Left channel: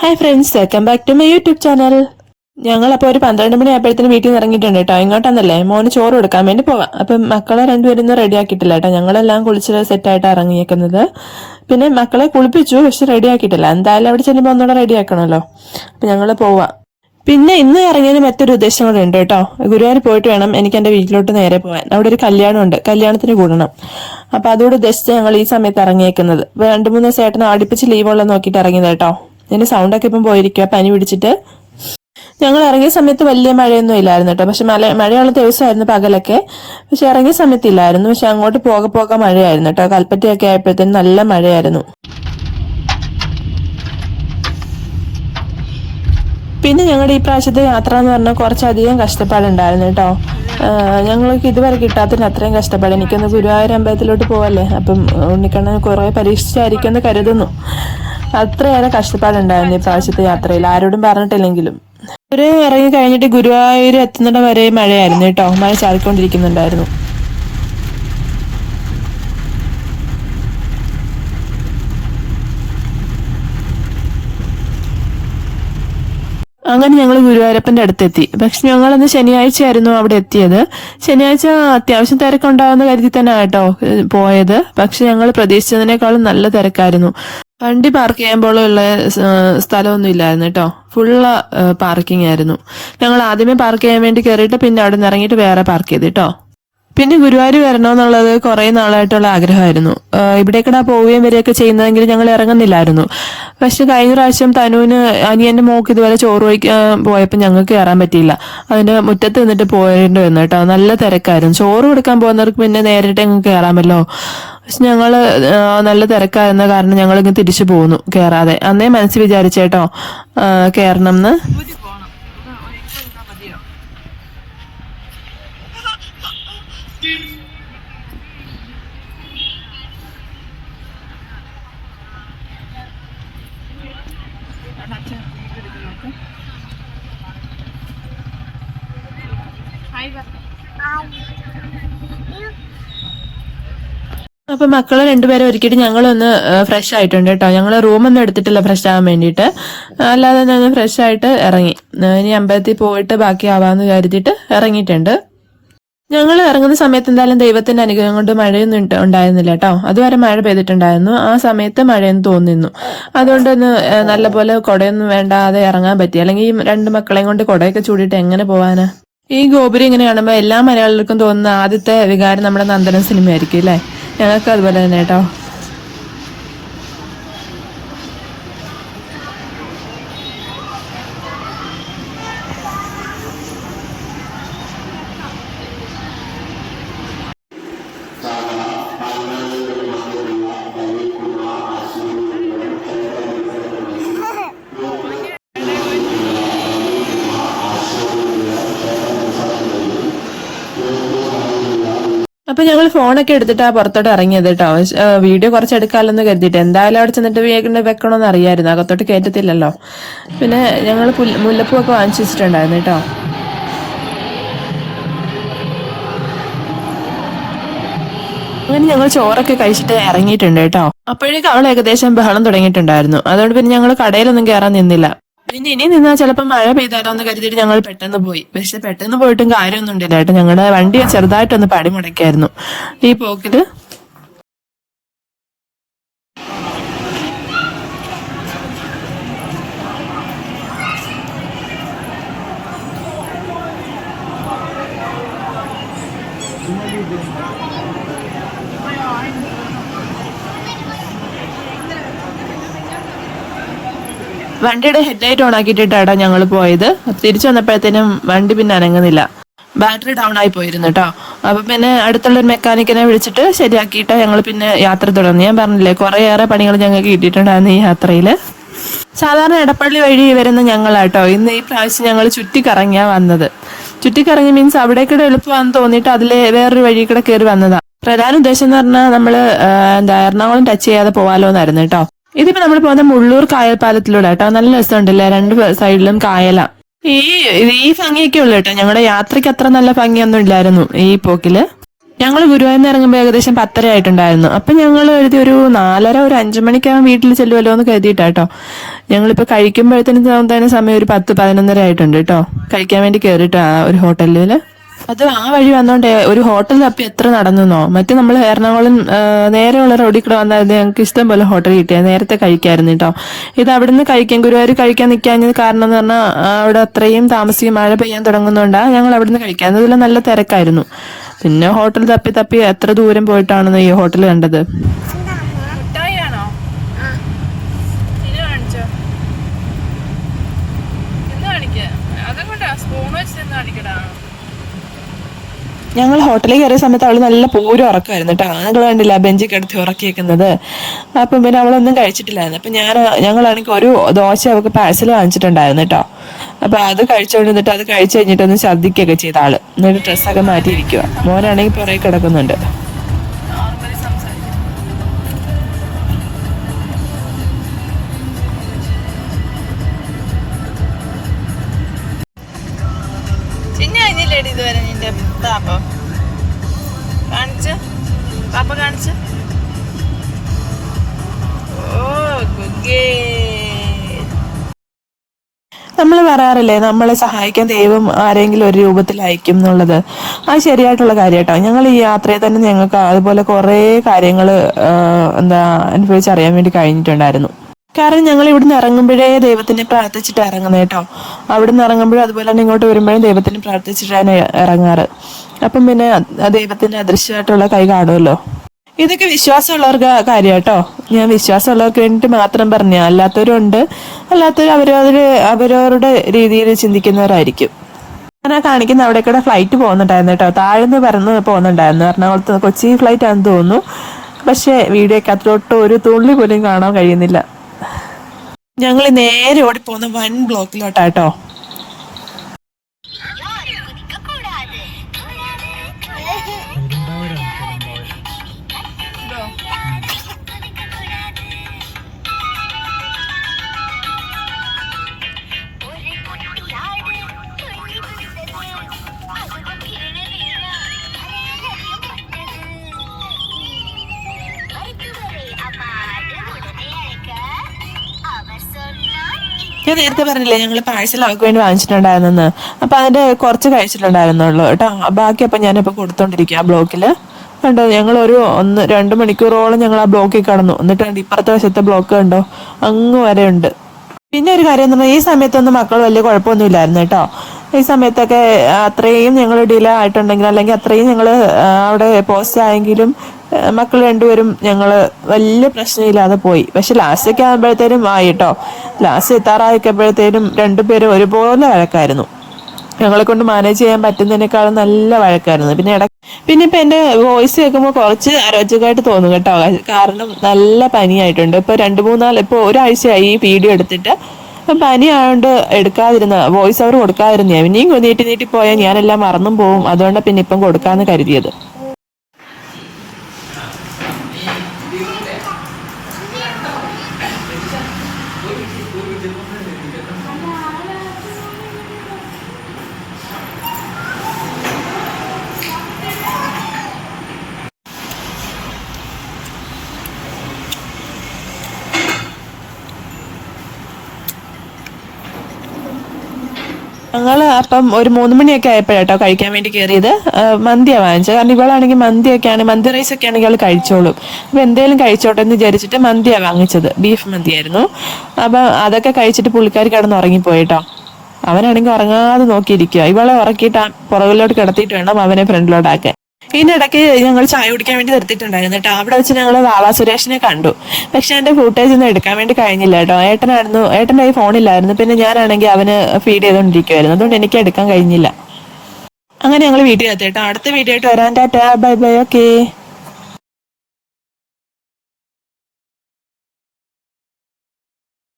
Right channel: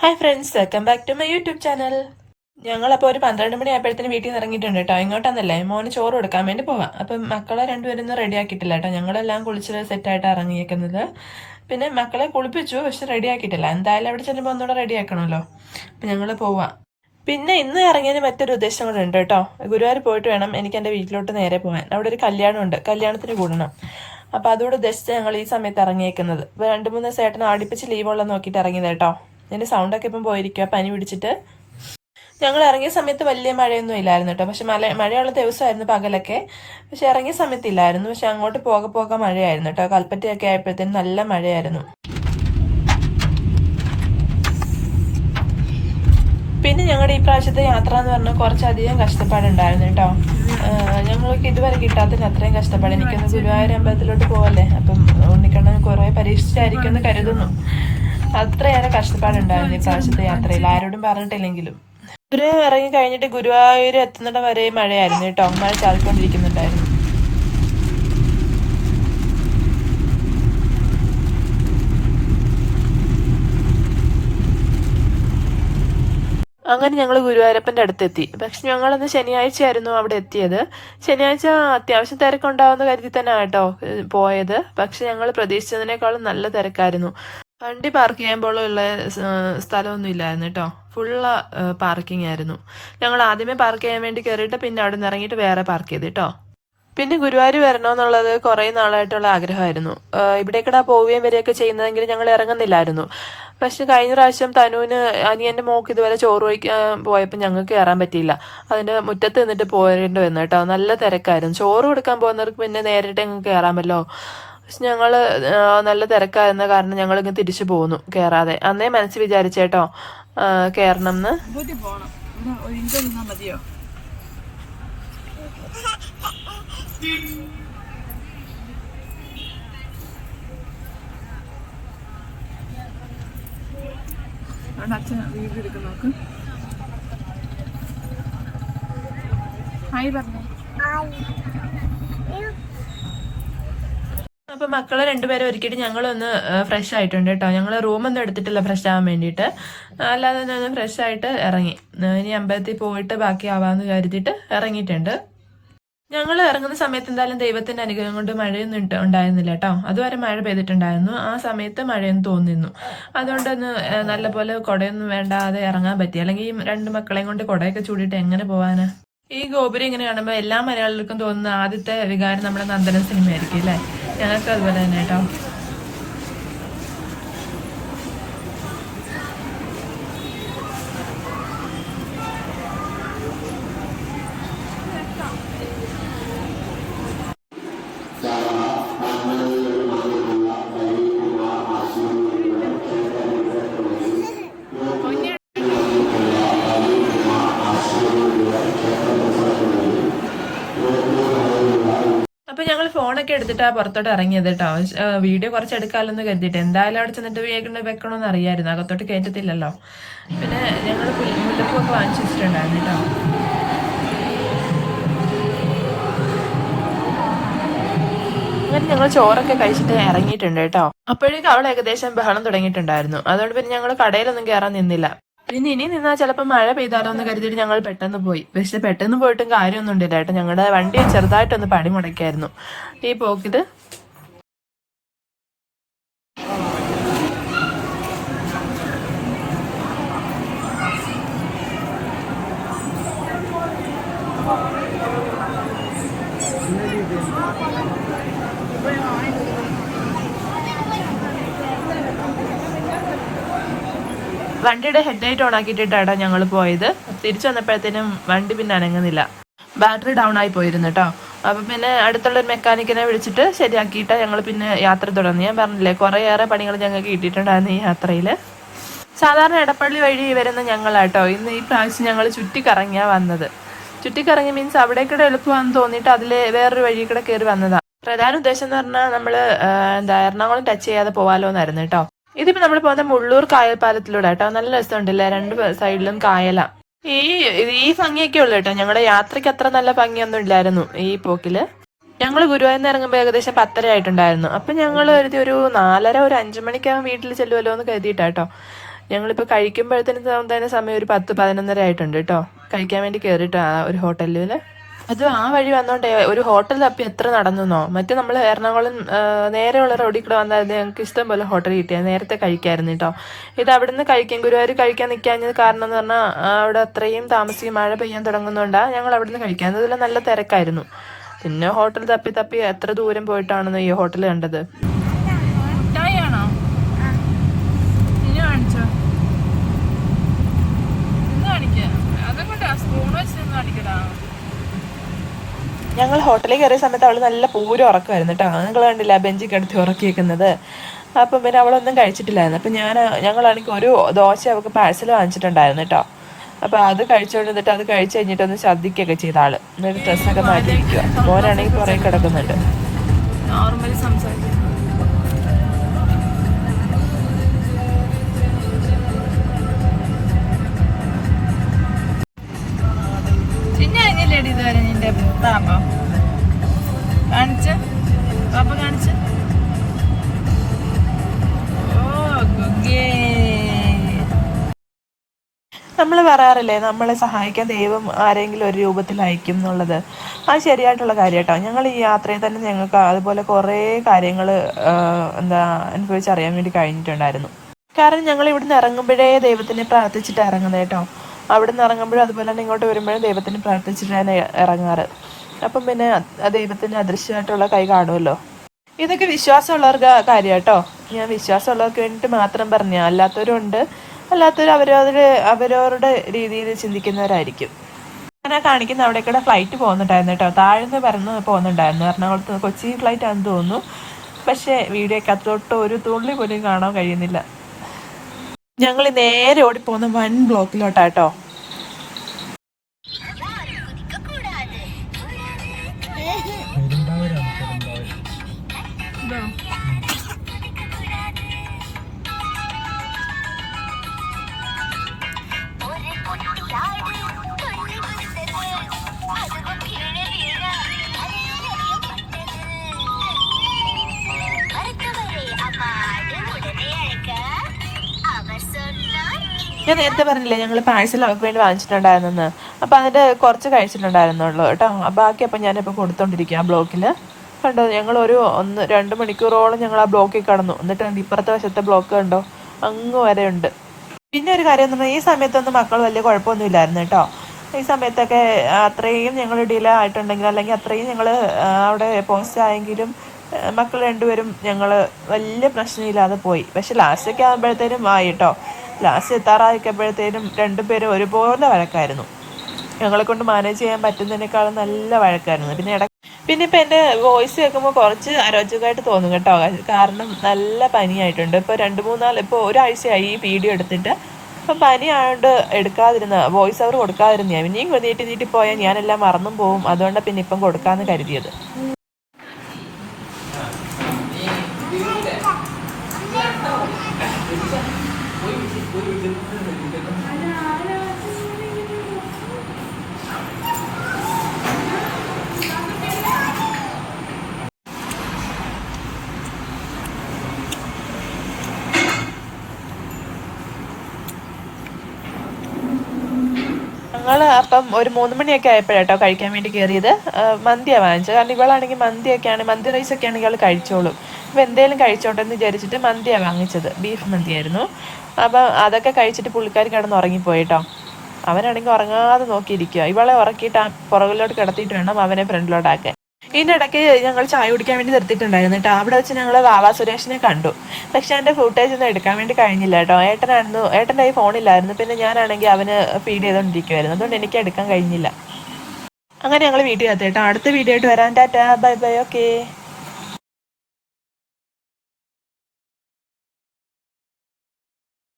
Hi friends, welcome back to my YouTube channel. ഞങ്ങളപ്പോൾ ഒരു 12 മണി ആയപ്പോഴത്തേന് വീട്ടിൽ നിന്ന് ഇറങ്ങിയിട്ടുണ്ട് കേട്ടോ. ഇങ്ങോട്ടാന്നല്ലേ മോന് ചോറ് കൊടുക്കാൻ വേണ്ടി പോവാം. അപ്പം മക്കളെ രണ്ടുപേരും റെഡി ആക്കിയിട്ടില്ല കേട്ടോ. ഞങ്ങളെല്ലാം കുളിച്ച് സെറ്റായിട്ട് ഇറങ്ങിയേക്കുന്നത്. പിന്നെ മക്കളെ കുളിപ്പിച്ചു, പക്ഷെ റെഡി ആക്കിയിട്ടില്ല. എന്തായാലും അവിടെ ചെല്ലുമ്പോൾ ഒന്നുകൂടെ റെഡി ആക്കണമല്ലോ. അപ്പം ഞങ്ങൾ പോവാം. പിന്നെ ഇന്ന് ഇറങ്ങിയതിന് മറ്റൊരു ഉദ്ദേശം കൂടെ ഉണ്ട് കേട്ടോ. ഗുരുവായൂർ പോയിട്ട് വേണം എനിക്ക് എൻ്റെ വീട്ടിലോട്ട് നേരെ പോകാൻ. അവിടെ ഒരു കല്യാണമുണ്ട്, കല്യാണത്തിന് കൂടണം. അപ്പം അതോട് ഉദ്ദേശിച്ച് ഞങ്ങൾ ഈ സമയത്ത് ഇറങ്ങിയേക്കുന്നത്. 2-3 ദിവസമായിട്ട് അടുപ്പിച്ച് ലീവുള്ള നോക്കിയിട്ട് ഇറങ്ങിയത് കേട്ടോ. എന്റെ സൗണ്ടൊക്കെ ഇപ്പം പോയിരിക്കുക, പനി പിടിച്ചിട്ട്. ഞങ്ങൾ ഇറങ്ങിയ സമയത്ത് വലിയ മഴയൊന്നും ഇല്ലായിരുന്നു കേട്ടോ. പക്ഷെ മഴയുള്ള ദിവസമായിരുന്നു പകലൊക്കെ. പക്ഷെ ഇറങ്ങിയ സമയത്ത് ഇല്ലായിരുന്നു. പക്ഷെ അങ്ങോട്ട് പോകെ മഴയായിരുന്നു കേട്ടോ. കൽപ്പറ്റയൊക്കെ ആയപ്പോഴത്തേനും നല്ല മഴയായിരുന്നു. പിന്നെ ഞങ്ങളുടെ ഈ പ്രാവശ്യത്തെ യാത്ര എന്ന് പറഞ്ഞാൽ കുറച്ചധികം കഷ്ടപ്പാടുണ്ടായിരുന്നു കേട്ടോ. ഞങ്ങൾക്ക് ഇതുവരെ കിട്ടാത്തതിന് അത്രയും കഷ്ടപ്പാട്. എനിക്കൊന്ന് ഗുരുവായൂർ അമ്പലത്തിലോട്ട് പോവല്ലേ, അപ്പം ഉണ്ണിക്കണ്ണൻ കുറെ പരീക്ഷിച്ചായിരിക്കും എന്ന് കരുതുന്നു. അത്രയേറെ കഷ്ടപ്പാടുണ്ടായിരുന്നു ഈ പ്രാവശ്യത്തെ യാത്രയിൽ, ആരോടും പറഞ്ഞിട്ടില്ലെങ്കിലും. ഒരു ഇറങ്ങി കഴിഞ്ഞിട്ട് ഗുരുവായൂർ എത്തുന്നിടം വരെ മഴയായിരുന്നു കേട്ടോ. മഴ ചാടിക്കൊണ്ടിരിക്കുന്നുണ്ടായിരുന്നു. അങ്ങനെ ഞങ്ങൾ ഗുരുവായൂരപ്പന്റെ അടുത്തെത്തി. പക്ഷെ ഞങ്ങളന്ന് ശനിയാഴ്ച ആയിരുന്നു അവിടെ എത്തിയത്. ശനിയാഴ്ച അത്യാവശ്യം തിരക്കുണ്ടാവുന്ന കരുതി തന്നെ ആട്ടോ പോയത്. പക്ഷെ ഞങ്ങൾ പ്രതീക്ഷിച്ചതിനേക്കാളും നല്ല തിരക്കായിരുന്നു. വണ്ടി പാർക്ക് ചെയ്യുമ്പോഴുള്ള സ്ഥലമൊന്നും ഇല്ലായിരുന്നു കേട്ടോ. ഫുള്ള് പാർക്കിംഗ് ആയിരുന്നു. ഞങ്ങൾ ആദ്യമേ പാർക്ക് ചെയ്യാൻ വേണ്ടി കയറിയിട്ട് പിന്നെ അവിടെ നിന്ന് ഇറങ്ങിയിട്ട് വേറെ പാർക്ക് ചെയ്ത് കേട്ടോ. പിന്നെ ഗുരുവായൂർ വരണമെന്നുള്ളത് കുറെ നാളായിട്ടുള്ള ആഗ്രഹമായിരുന്നു. ഇവിടേക്കടാ പോവുകയും വരികയൊക്കെ ചെയ്യുന്നതെങ്കിൽ ഞങ്ങൾ ഇറങ്ങുന്നില്ലായിരുന്നു. പക്ഷെ കഴിഞ്ഞ പ്രാവശ്യം തനുവിന് അനിയന്റെ മോക്ക് ഇതുവരെ ചോറ് വയ്ക്കാൻ പോയപ്പോൾ ഞങ്ങൾക്ക് കയറാൻ പറ്റിയില്ല. അതിന്റെ മുറ്റത്ത് നിന്നിട്ട് പോയേണ്ടി വന്നു കേട്ടോ. നല്ല തിരക്കായിരുന്നു. ചോറ് കൊടുക്കാൻ പോകുന്നവർക്ക് പിന്നെ നേരിട്ട് ഞങ്ങൾക്ക് കയറാമല്ലോ. പക്ഷെ ഞങ്ങള് നല്ല തിരക്കായിരുന്ന കാരണം ഞങ്ങൾ ഇങ്ങ് തിരിച്ചു പോന്നു കയറാതെ. അന്നേ മനസ്സിൽ വിചാരിച്ചേട്ടോ കയറണം എന്ന്. അപ്പൊ മക്കളെ രണ്ടുപേരെ ഒരുക്കിയിട്ട് ഞങ്ങളൊന്ന് ഫ്രഷ് ആയിട്ടുണ്ട് കേട്ടോ. ഞങ്ങൾ റൂമൊന്നും എടുത്തിട്ടില്ല ഫ്രഷ് ആവാൻ വേണ്ടിയിട്ട്. അല്ലാതെ ഞങ്ങൾ ഫ്രഷ് ആയിട്ട് ഇറങ്ങി. ഇനി അമ്പലത്തിൽ പോയിട്ട് ബാക്കി ആവാന്ന് കരുതിയിട്ട് ഇറങ്ങിയിട്ടുണ്ട്. ഞങ്ങൾ ഇറങ്ങുന്ന സമയത്ത് എന്തായാലും ദൈവത്തിന്റെ അനുഗ്രഹം കൊണ്ട് മഴയൊന്നും ഉണ്ടായിരുന്നില്ല കേട്ടോ. അതുവരെ മഴ പെയ്തിട്ടുണ്ടായിരുന്നു. ആ സമയത്ത് മഴയൊന്നും തോന്നിയിരുന്നു. അതുകൊണ്ട് ഒന്ന് നല്ലപോലെ കുടയൊന്നും വേണ്ടാതെ ഇറങ്ങാൻ പറ്റി. അല്ലെങ്കിൽ ഈ 2 മക്കളെയും കൊണ്ട് കുടയൊക്കെ ചൂടിയിട്ട് എങ്ങനെ പോവാനാ? ഈ ഗോപുരം ഇങ്ങനെ കാണുമ്പോൾ എല്ലാ മലയാളികൾക്കും തോന്നുന്ന ആദ്യത്തെ വികാരം നമ്മുടെ നന്ദനം സിനിമയായിരിക്കും അല്ലേ? ഞങ്ങൾക്ക് അതുപോലെ തന്നെ കേട്ടോ. അപ്പൊ ഞങ്ങൾ ഫോണൊക്കെ എടുത്തിട്ടാ പുറത്തോട്ട് ഇറങ്ങിയത് കേട്ടോ. വീഡിയോ കുറച്ച് എടുക്കാമല്ലോ എന്ന് കരുതിയിട്ട്. എന്തായാലും അവിടെ ചെന്നിട്ട് വെക്കണമെന്ന് അറിയായിരുന്നു, അകത്തോട്ട് കയറ്റത്തില്ലല്ലോ. പിന്നെ ഞങ്ങൾ മുല്ലപ്പൂ ഒക്കെ വാങ്ങിച്ചു വെച്ചിട്ടുണ്ടായിരുന്നു കേട്ടോ. അങ്ങനെ ഞങ്ങൾ ചോറൊക്കെ കഴിച്ചിട്ട് ഇറങ്ങിയിട്ടുണ്ട് കേട്ടോ. അപ്പോഴേക്കും അവൾ ഏകദേശം ബഹളം തുടങ്ങിയിട്ടുണ്ടായിരുന്നു. അതുകൊണ്ട് പിന്നെ ഞങ്ങൾ കടയിലൊന്നും കയറാൻ നിന്നില്ല. പിന്നെ ഇനി നിന്നാൽ ചിലപ്പോൾ മഴ പെയ്താലോ എന്ന് കരുതിയിട്ട് ഞങ്ങൾ പെട്ടെന്ന് പോയി. പക്ഷെ പെട്ടെന്ന് പോയിട്ടും കാര്യമൊന്നും ഉണ്ടില്ല കേട്ടോ. ഞങ്ങളുടെ വണ്ടി ചെറുതായിട്ടൊന്ന് പടി മുടക്കായിരുന്നു ഈ പോക്കില്. വണ്ടിയുടെ ഹെഡ്ലൈറ്റ് ഓൺ ആക്കിയിട്ടാണ് ഞങ്ങൾ പോയത്. തിരിച്ചു വന്നപ്പോഴത്തേനും വണ്ടി പിന്നെ അനങ്ങുന്നില്ല. ബാറ്ററി ഡൗൺ ആയി പോയിരുന്നു കേട്ടോ. അപ്പൊ പിന്നെ അടുത്തുള്ള ഒരു മെക്കാനിക്കിനെ വിളിച്ചിട്ട് ശരിയാക്കിയിട്ട് ഞങ്ങൾ പിന്നെ യാത്ര തുടർന്നു. ഞാൻ പറഞ്ഞില്ലേ കുറേയേറെ പണികൾ ഞങ്ങൾക്ക് കിട്ടിയിട്ടുണ്ടായിരുന്നു ഈ യാത്രയിൽ. സാധാരണ എടപ്പള്ളി വഴി വരുന്ന ഞങ്ങളാട്ടോ ഇന്ന് ഈ പ്രാവശ്യം ഞങ്ങൾ ചുറ്റിക്കറങ്ങിയാ വന്നത്. ചുറ്റിക്കറങ്ങി മീൻസ് അവിടേക്കൂടെ എളുപ്പമാണെന്ന് തോന്നിയിട്ട് അതിലെ വേറൊരു വഴി കൂടെ കയറി വന്നതാ. പ്രധാന ഉദ്ദേശം എന്ന് പറഞ്ഞാൽ നമ്മള് എറണാകുളം ടച്ച് ചെയ്യാതെ പോവാലോ എന്നായിരുന്നു കേട്ടോ. ഇതിപ്പോ നമ്മൾ പോകുന്ന മുള്ളൂർ കായൽ പാലത്തിലൂടെ കേട്ടോ. നല്ല രസമുണ്ടല്ലേ, 2 സൈഡിലും കായല. ഈ ഭംഗിയൊക്കെ ഉള്ളു കേട്ടോ. ഞങ്ങളുടെ യാത്രയ്ക്ക് അത്ര നല്ല ഭംഗിയൊന്നും ഇല്ലായിരുന്നു ഈ പോക്കില്. ഞങ്ങൾ ഗുരുവായൂരിൽ ഇറങ്ങുമ്പോൾ ഏകദേശം 10:30 ആയിട്ടുണ്ടായിരുന്നു. അപ്പൊ ഞങ്ങൾ എഴുതി ഒരു 4:30 ഒരു 5 മണിക്കാവും വീട്ടിൽ ചെല്ലുമല്ലോ എന്ന് കരുതിയിട്ടാട്ടോ ഞങ്ങളിപ്പോൾ കഴിക്കുമ്പോഴത്തേനും തന്നെ സമയം ഒരു 10-11 ആയിട്ടുണ്ട് കേട്ടോ. കഴിക്കാൻ വേണ്ടി കയറിയിട്ട് ഒരു ഹോട്ടലിൽ. അത് ആ വഴി വന്നോണ്ടേ ഒരു ഹോട്ടൽ തപ്പി എത്ര നടന്നോ. മറ്റേ നമ്മൾ എറണാകുളം നേരെയുള്ള റോഡിൽ കൂടെ വന്നാൽ ഞങ്ങൾക്ക് ഇഷ്ടം പോലെ ഹോട്ടൽ കിട്ടിയത് നേരത്തെ കഴിക്കായിരുന്നു കേട്ടോ. ഇത് അവിടുന്ന് കഴിക്കാൻ ഗുരുവായൂർ കഴിക്കാൻ നിൽക്കാഞ്ഞത് കാരണം എന്ന് പറഞ്ഞാൽ അവിടെ അത്രയും താമസിക്കും, മഴ പെയ്യാൻ തുടങ്ങുന്നതുകൊണ്ടാണ് ഞങ്ങൾ അവിടുന്ന് കഴിക്കാൻ. അതിൽ നല്ല തിരക്കായിരുന്നു. പിന്നെ ഹോട്ടൽ തപ്പി തപ്പി എത്ര ദൂരം പോയിട്ടാണെന്ന് ഈ ഹോട്ടൽ കണ്ടത്. ഞങ്ങൾ ഹോട്ടലിൽ കയറിയ സമയത്ത് അവള് നല്ല പൂരം ഉറക്കമായിരുന്നു കേട്ടോ. നിങ്ങൾ കണ്ടില്ല ബെഞ്ചിൽ കിടത്തി ഉറക്കിയേക്കുന്നത്. അപ്പം പിന്നെ അവളൊന്നും കഴിച്ചിട്ടില്ലായിരുന്നു. അപ്പം ഞങ്ങളാണെങ്കിൽ ഒരു ദോശ അവൾക്ക് പാഴ്സൽ വാങ്ങിച്ചിട്ടുണ്ടായിരുന്നു കേട്ടോ. അപ്പൊ അത് കഴിച്ചോണ്ടിരുന്നിട്ട് അത് കഴിച്ചു കഴിഞ്ഞിട്ടൊന്ന് ഛർദ്ദിക്കുകയൊക്കെ ചെയ്ത ആള്. എന്നിട്ട് ഡ്രസ്സൊക്കെ മാറ്റിയിരിക്കുക. മോനാണെങ്കിൽ പുറകെ കിടക്കുന്നുണ്ട്. നോർമലി സംസാരിക്കും. ഇതുവരെ നിന്റെ പാപ്പ കാണിച്ച പാപ്പ കാണിച്ച. നമ്മൾ പറയാറില്ലേ നമ്മളെ സഹായിക്കാൻ ദൈവം ആരെങ്കിലും ഒരു രൂപത്തിൽ അയക്കും എന്നുള്ളത്. അത് ശരിയായിട്ടുള്ള കാര്യം കേട്ടോ. ഞങ്ങൾ ഈ യാത്രയിൽ തന്നെ ഞങ്ങൾക്ക് അതുപോലെ കുറേ കാര്യങ്ങൾ അനുഭവിച്ചറിയാൻ വേണ്ടി കഴിഞ്ഞിട്ടുണ്ടായിരുന്നു. കാരണം ഞങ്ങൾ ഇവിടുന്ന് ഇറങ്ങുമ്പോഴേ ദൈവത്തിനെ പ്രാർത്ഥിച്ചിട്ട് ഇറങ്ങുന്നത് കേട്ടോ. അവിടുന്ന് ഇറങ്ങുമ്പോഴും അതുപോലെ തന്നെ ഇങ്ങോട്ട് വരുമ്പോഴും ദൈവത്തിനെ പ്രാർത്ഥിച്ചിട്ടാണ് ഇറങ്ങാറ്. അപ്പം പിന്നെ ദൈവത്തിന്റെ അദൃശ്യമായിട്ടുള്ള കൈ കാണുമല്ലോ. ഇതൊക്കെ വിശ്വാസമുള്ളവർക്ക് കാര്യം കേട്ടോ. ഞാൻ വിശ്വാസമുള്ളവർക്ക് വേണ്ടിയിട്ട് മാത്രം പറഞ്ഞ, അല്ലാത്തവരുണ്ട്. അല്ലാത്തവർ അവരവരുടെ രീതിയിൽ ചിന്തിക്കുന്നവരായിരിക്കും. ഞാൻ കാണിക്കുന്ന അവിടെ കൂടെ ഫ്ലൈറ്റ് പോകുന്നുണ്ടായിരുന്നു കേട്ടോ. താഴ്ന്ന് പറന്ന് പോകുന്നുണ്ടായിരുന്നു. എറണാകുളത്ത് കൊച്ചി ഫ്ലൈറ്റ് ആണെന്ന് തോന്നുന്നു. പക്ഷേ വീഡിയോക്കകത്തോട്ട് ഒരു തുള്ളി പോലും കാണാൻ കഴിയുന്നില്ല. ഞങ്ങൾ നേരെ ഓടിപ്പോകുന്ന വൻ ബ്ലോക്കിലോട്ടാട്ടോ. ഞാൻ നേരത്തെ പറഞ്ഞില്ലേ ഞങ്ങൾ പാഴ്സൽ അവർക്ക് വേണ്ടി വാങ്ങിച്ചിട്ടുണ്ടായിരുന്നെന്ന്. അപ്പൊ അതിന്റെ കുറച്ച് കഴിച്ചിട്ടുണ്ടായിരുന്നുള്ളൂ കേട്ടോ. ബാക്കി അപ്പൊ ഞാനിപ്പോ കൊടുത്തോണ്ടിരിക്കുക ആ ബ്ലോക്കില്. കണ്ടോ, ഞങ്ങൾ ഒരു 1-2 മണിക്കൂറോളം ഞങ്ങൾ ആ ബ്ലോക്കിൽ കടന്നു. എന്നിട്ട് ഇപ്പുറത്തെ വശത്തെ ബ്ലോക്ക് കണ്ടോ, അങ്ങ് വരെ ഉണ്ട്. പിന്നെ ഒരു കാര്യം എന്ന് പറഞ്ഞാൽ ഈ സമയത്തൊന്നും മക്കൾ വലിയ കുഴപ്പമൊന്നും ഇല്ലായിരുന്നു കേട്ടോ. ഈ സമയത്തൊക്കെ അത്രയും ഞങ്ങൾ ഡിലേ ആയിട്ടുണ്ടെങ്കിൽ അല്ലെങ്കിൽ അത്രയും ഞങ്ങൾ അവിടെ പോസ്റ്റ് ആയെങ്കിലും മക്കൾ രണ്ടുപേരും ഞങ്ങൾ വലിയ പ്രശ്നമില്ലാതെ പോയി. പക്ഷെ ലാസ്റ്റൊക്കെ ആകുമ്പോഴത്തേനും ആയി കേട്ടോ. ലാസ്റ്റ് എത്താറായിക്കപ്പോഴത്തേനും രണ്ടുപേരും ഒരുപോലെ വഴക്കായിരുന്നു. ഞങ്ങളെ കൊണ്ട് മാനേജ് ചെയ്യാൻ പറ്റുന്നതിനേക്കാളും നല്ല വഴക്കായിരുന്നു. പിന്നെ ഇപ്പൊ എന്റെ വോയിസ് കേൾക്കുമ്പോൾ കുറച്ച് അരോചകമായിട്ട് തോന്നും കേട്ടോ. കാരണം നല്ല പനിയായിട്ടുണ്ട്. ഇപ്പൊ 2-3 ഇപ്പൊ ഒരാഴ്ചയായി ഈ വീഡിയോ എടുത്തിട്ട്. അപ്പൊ പനി ആയതുകൊണ്ട് എടുക്കാതിരുന്ന വോയിസ് ഓവർ കൊടുക്കാതിരുന്ന. ഇനിയും നീട്ടി പോയാൽ ഞാനെല്ലാം മറന്നും പോവും. അതുകൊണ്ടാണ് പിന്നെ ഇപ്പം കൊടുക്കാന്ന് കരുതിയത്. ഞങ്ങൾ അപ്പം ഒരു 3 മണിയൊക്കെ ആയപ്പോഴാട്ടോ കഴിക്കാൻ വേണ്ടി കയറിയത്. മന്തിയാണ് വാങ്ങിച്ചത്. കാരണം ഇവളാണെങ്കിൽ മന്തി റൈസ് ഒക്കെ ആണെങ്കിൽ അവൾ കഴിച്ചോളും. അപ്പം എന്തേലും കഴിച്ചോട്ടെ എന്ന് വിചാരിച്ചിട്ട് മന്തിയാണ് വാങ്ങിച്ചത്. ബീഫ് മന്തിയായിരുന്നു. അപ്പം അതൊക്കെ കഴിച്ചിട്ട് പുള്ളിക്കാരി കിടന്ന് ഉറങ്ങിപ്പോയിട്ടോ. അവനാണെങ്കിൽ ഉറങ്ങാതെ നോക്കിയിരിക്കുക. ഇവളെ ഉറക്കിയിട്ട് പുറകിലോട്ട് കിടത്തിയിട്ട് വേണം അവനെ ഫ്രണ്ടിലോട്ടാക്കാൻ. ഇതിനിടയ്ക്ക് ഞങ്ങൾ ചായ കുടിക്കാൻ വേണ്ടി നിർത്തിയിട്ടുണ്ടായിരുന്നു കേട്ടോ. അവിടെ വെച്ച് ഞങ്ങൾ വാള സുരേഷിനെ കണ്ടു. പക്ഷെ അതിന്റെ ഫുട്ടേജ് ഒന്നും എടുക്കാൻ വേണ്ടി കഴിഞ്ഞില്ല കേട്ടോ. ഏട്ടൻ്റെ കൈ ഫോണില്ലായിരുന്നു. പിന്നെ ഞാനാണെങ്കിൽ അവന് ഫീഡ് ചെയ്തുകൊണ്ടിരിക്കുവായിരുന്നു. അതുകൊണ്ട് എനിക്ക് എടുക്കാൻ കഴിഞ്ഞില്ല. അങ്ങനെ ഞങ്ങൾ വീട്ടിൽ എത്തി കേട്ടോ. അടുത്ത വീഡിയോ ആയിട്ട് വരാൻ. Tata, bye bye, okay.